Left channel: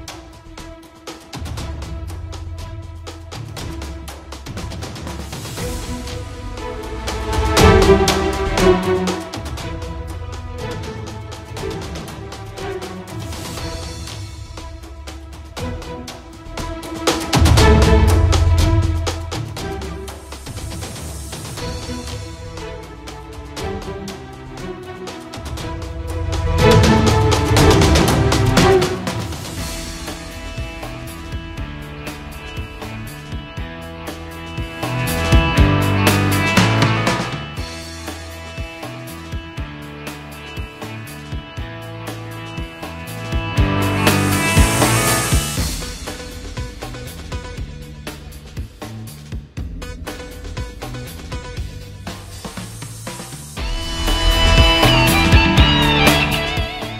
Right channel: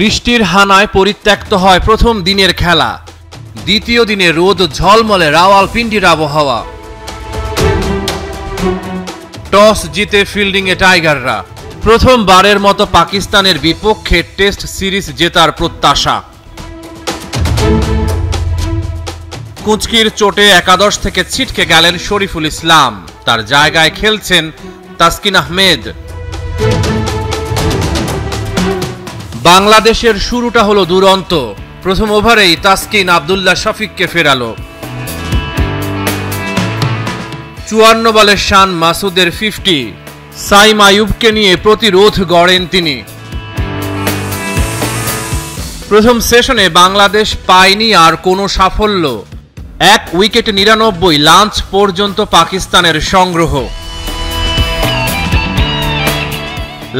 বৃষ্টির হানায় পরিত্যক্ত হয় প্রথম দিনের খেলা। দ্বিতীয় দিনে রোদ ঝলমলে রাওয়ালপিন্ডির আবহাওয়া। টস জিতে ফিল্ডিংয়ে টাইগাররা। প্রথমবারের মতো পাকিস্তানের বিপক্ষে টেস্ট সিরিজ জেতার প্রত্যাশা। কুঁচকির চোটে একাদশ থেকে ছিটকে গেলেন শরীফুল ইসলাম, তার জায়গায় খেলছেন তাসকিন আহমেদ। বাংলাদেশের শুরুটা হলো দুরন্ত। প্রথম ওভারেই তাসকিন আব্দুল্লাহ শফিককে ফেরালো। 54 বলে শান মাসুদের 50। সাইম আইয়ুবকে নিয়ে প্রতিরোধ গড়েন তিনি। প্রথম সেশনে বাংলাদেশ পায়নি আর কোনো সাফল্য। 1 উইকেটে 99, লাঞ্চ পর্যন্ত পাকিস্তানের সংগ্রহ।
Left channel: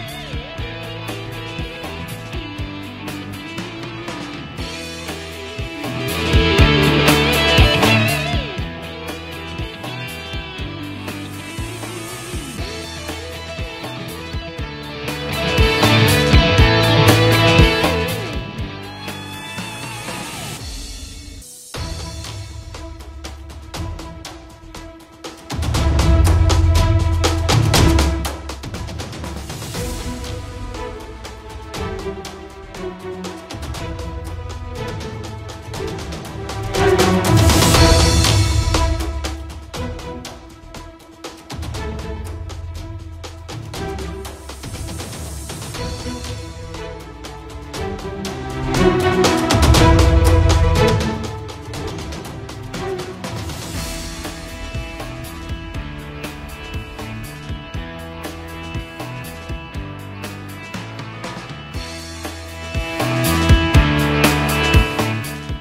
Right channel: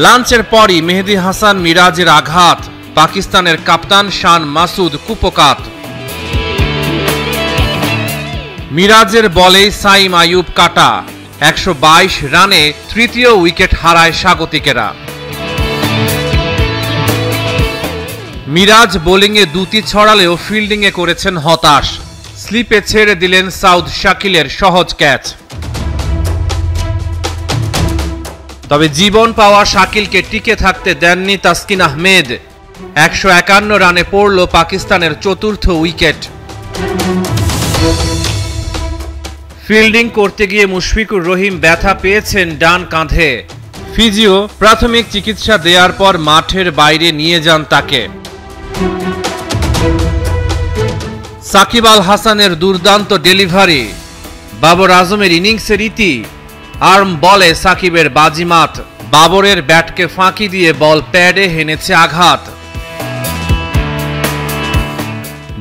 লাঞ্চের পরই মেহেদী হাসান মিরাজের আঘাত, পাকিস্তানের কাপ্তান শান মাসুদ কুপকাত। মিরাজের বলেই সাইম আইয়ুব কাটা। 122 রানে তৃতীয় উইকেট হারায় স্বাগতিকেরা। মিরাজ বোলিংয়ে দুটি ছড়ালেও ফিল্ডিংয়ে করেছেন হতাশ। স্লিপে ছেড়ে দিলেন সাউদ শাকিলের সহজ ক্যাচ। তবে জীবন পাওয়া শাকিলকে টিকে থাকতে দেননি তাসকিন আহমেদ। 151 রানে পড়ল পাকিস্তানের চতুর্থ উইকেট। ফিল্ডিং করতে গিয়ে মুশফিকুর রহিম ব্যথা পেয়েছেন ডান কাঁধে। ফিজিও প্রাথমিক চিকিৎসা দেওয়ার পর মাঠের বাইরে নিয়ে যান তাকে। সাকিব আল হাসানের দুর্দান্ত ডেলিভারি, বাবর আজমের ইনিংসের ইতি। আর্ম বলে সাকিবের বাজিমাত, বাবরের ব্যাটকে ফাঁকি দিয়ে বল প্যাডে হেনেছে আঘাত।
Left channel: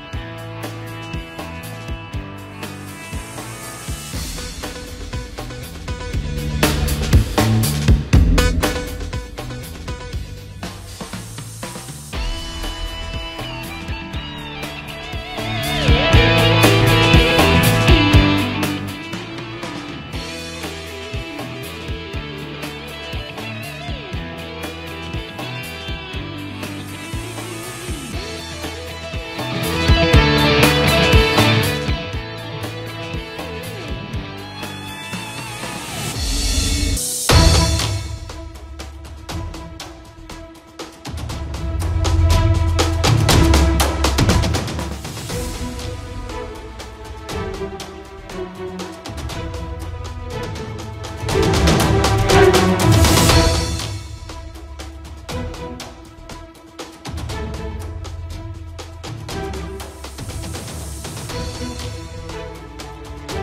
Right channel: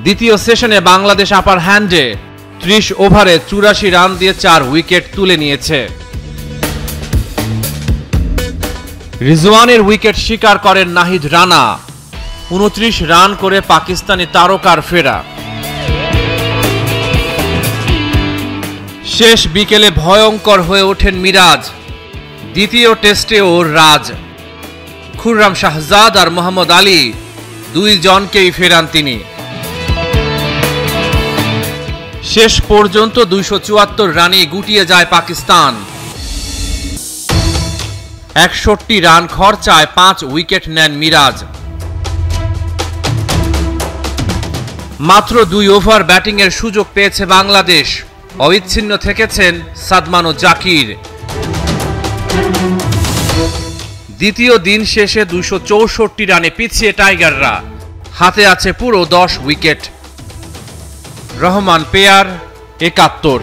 দ্বিতীয় সেশনে বাংলাদেশ আপার হ্যান্ডে 30 ওভারে 84 রান দিয়ে 4 উইকেট তুলে নিয়েছে। রিজওয়ানের উইকেট শিকার করেন নাহিদ রানা। 29 রান করে পাকিস্তানি তারকার ফেরা। শেষ বিকেলে ভয়ঙ্কর হয়ে ওঠেন মিরাজ। দ্বিতীয় টেস্টে ওর রাজ। খুররাম শাহজাদ আর মোহাম্মদ আলী দুইজনকেই ফেরান তিনি। শেষ পর্যন্ত 274 রানে গুটিয়ে যায় পাকিস্তান। 61 রান খরচায় 5 উইকেট নেন মিরাজ। মাত্র 2 ওভার ব্যাটিংয়ের সুযোগ পেয়েছে বাংলাদেশ। অবিচ্ছিন্ন থেকেছেন সাদমান ও জাকির। দ্বিতীয় দিন শেষে 264 রানে পিছিয়ে টাইগাররা। হাতে আছে পুরো 10 উইকেট। রহমান পেয়ার 71।